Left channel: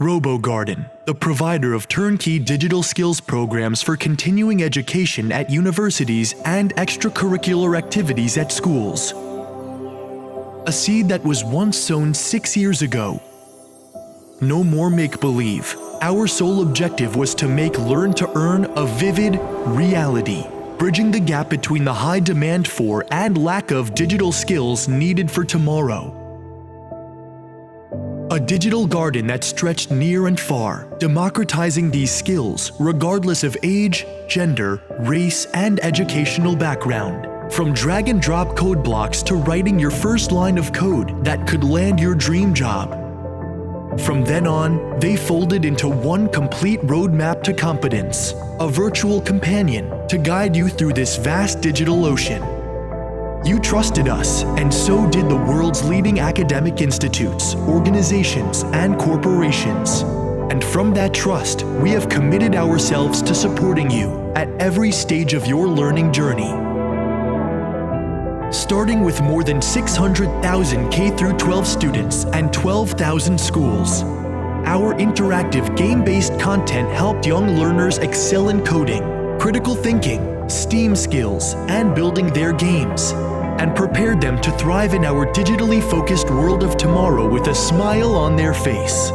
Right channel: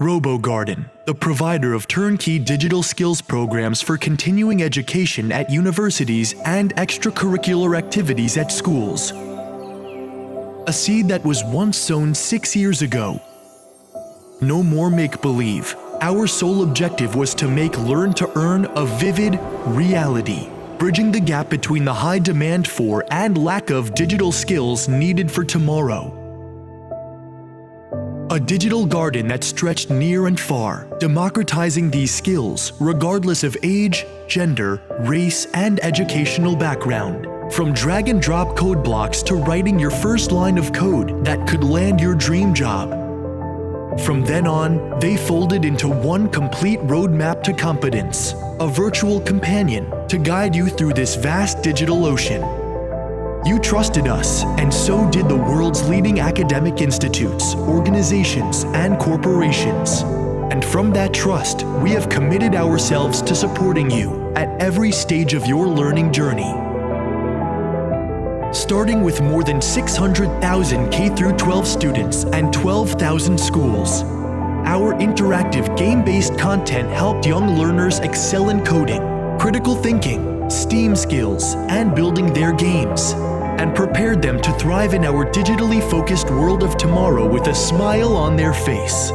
RoboGarden, the provider of turnkey digital skills programs for continuing education at universities and extracurricular activities at schools. A seed that was once sown 6 years ago. No more make-believe. Our sole objective was to make Learn to Earn a vivid reality, bridging the gap between the high demand for and lack of digital skills needed for tomorrow. A digital garden that stretched near and far, democratizing these skills regardless of age, gender, race, and educational background. From drag-and-drop code blocks to writing your first line of code that could land your dream job. From then on, they folded into one complete roadmap to competence, a virtual companion to guide you through this vast digital ocean. You trusted us, and so did the world's leading academic institutes, organizations, and corporations. And from that trust, we have committed ourselves to supporting you at every stage of your learning journey. Starting with more than 600,000 K-12 students and 12,000 schools, our interactive game-based content helped young learners excel in coding, critical thinking, STEAM skills, and building their games, and prepared them to thrive in our digitally focused world of tomorrow with a smile on their face.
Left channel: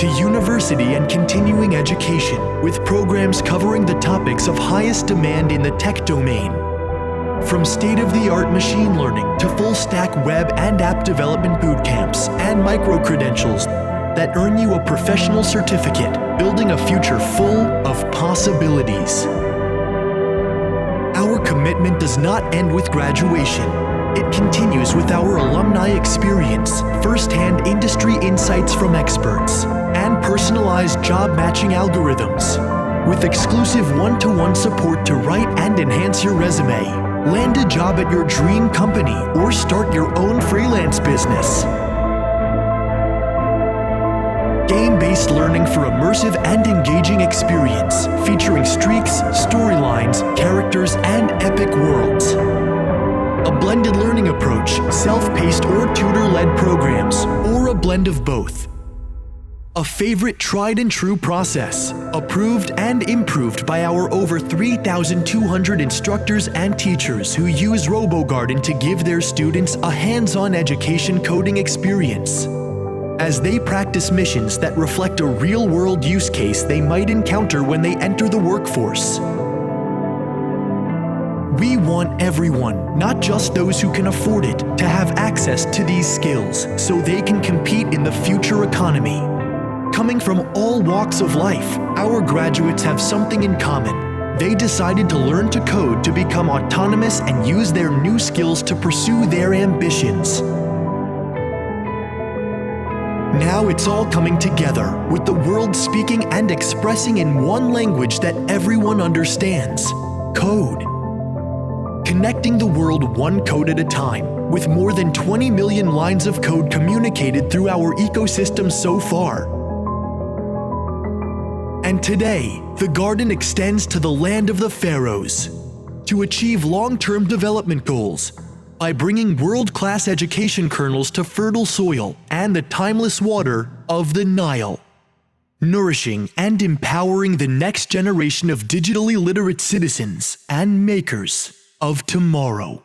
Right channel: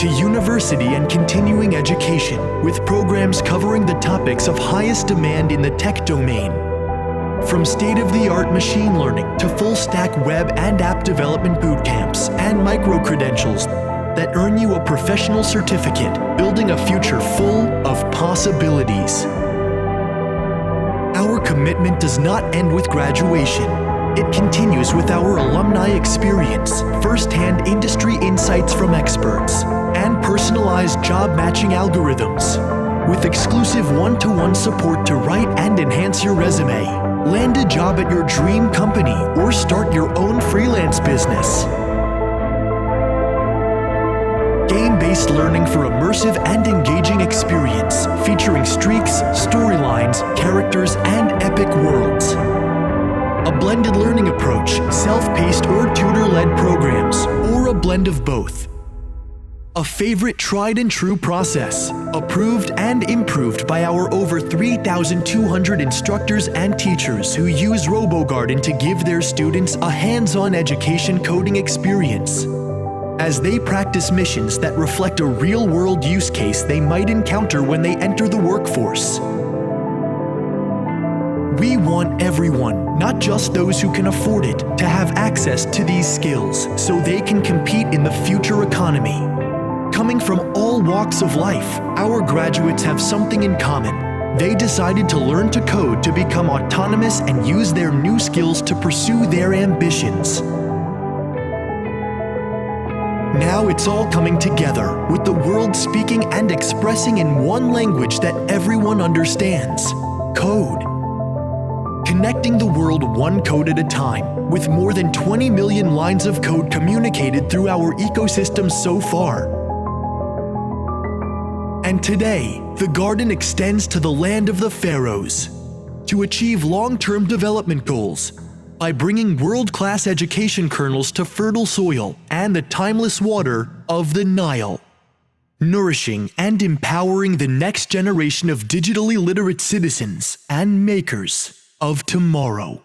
To university and continuing education, with programs covering the topics of highest demand in the tech domain. From state-of-the-art machine learning to full-stack web and app development boot camps and micro-credentials that earn you a professional certificate, building a future full of possibilities. Our commitment does not end with graduation. It continues with our alumni experience, first-hand industry insights from experts, and personalized job matching algorithms. With exclusive one-to-one support to write and enhance your resume, land a job at your dream company, or start your own freelance business. Game-based learning for immersive and engaging experience, featuring streaks, storylines, characters, and epic worlds. A blended learning approach, self-paced or tutor-led programs, or a blend of both. A favorite tried and true process, approved and improved by our over 3,200 instructors and teachers who use RoboGarden to give their students a hands-on education coding experience, as they practice missions that reflect a real-world use case they might encounter when they enter the workforce. We want everyone, not just those who can afford it, to have access to these skills so they can compete in the future economy. Coming from all walks of life, our graduates have something in common. They decided to learn to code to become autonomous and use their new skills to pursue their ambitions. Now it's all coming together, with the world speaking and expressing in one language that everyone understands: code. Connecting the world one code at a time, with more than 20 million lines of code communicated through our ecosystem so far. And today, the garden extends to the land of the pharaohs to achieve long-term development goals by bringing world-class education kernels to fertile soil and the timeless water of the Nile, nourishing and empowering the next generation of digitally literate citizens and makers of tomorrow.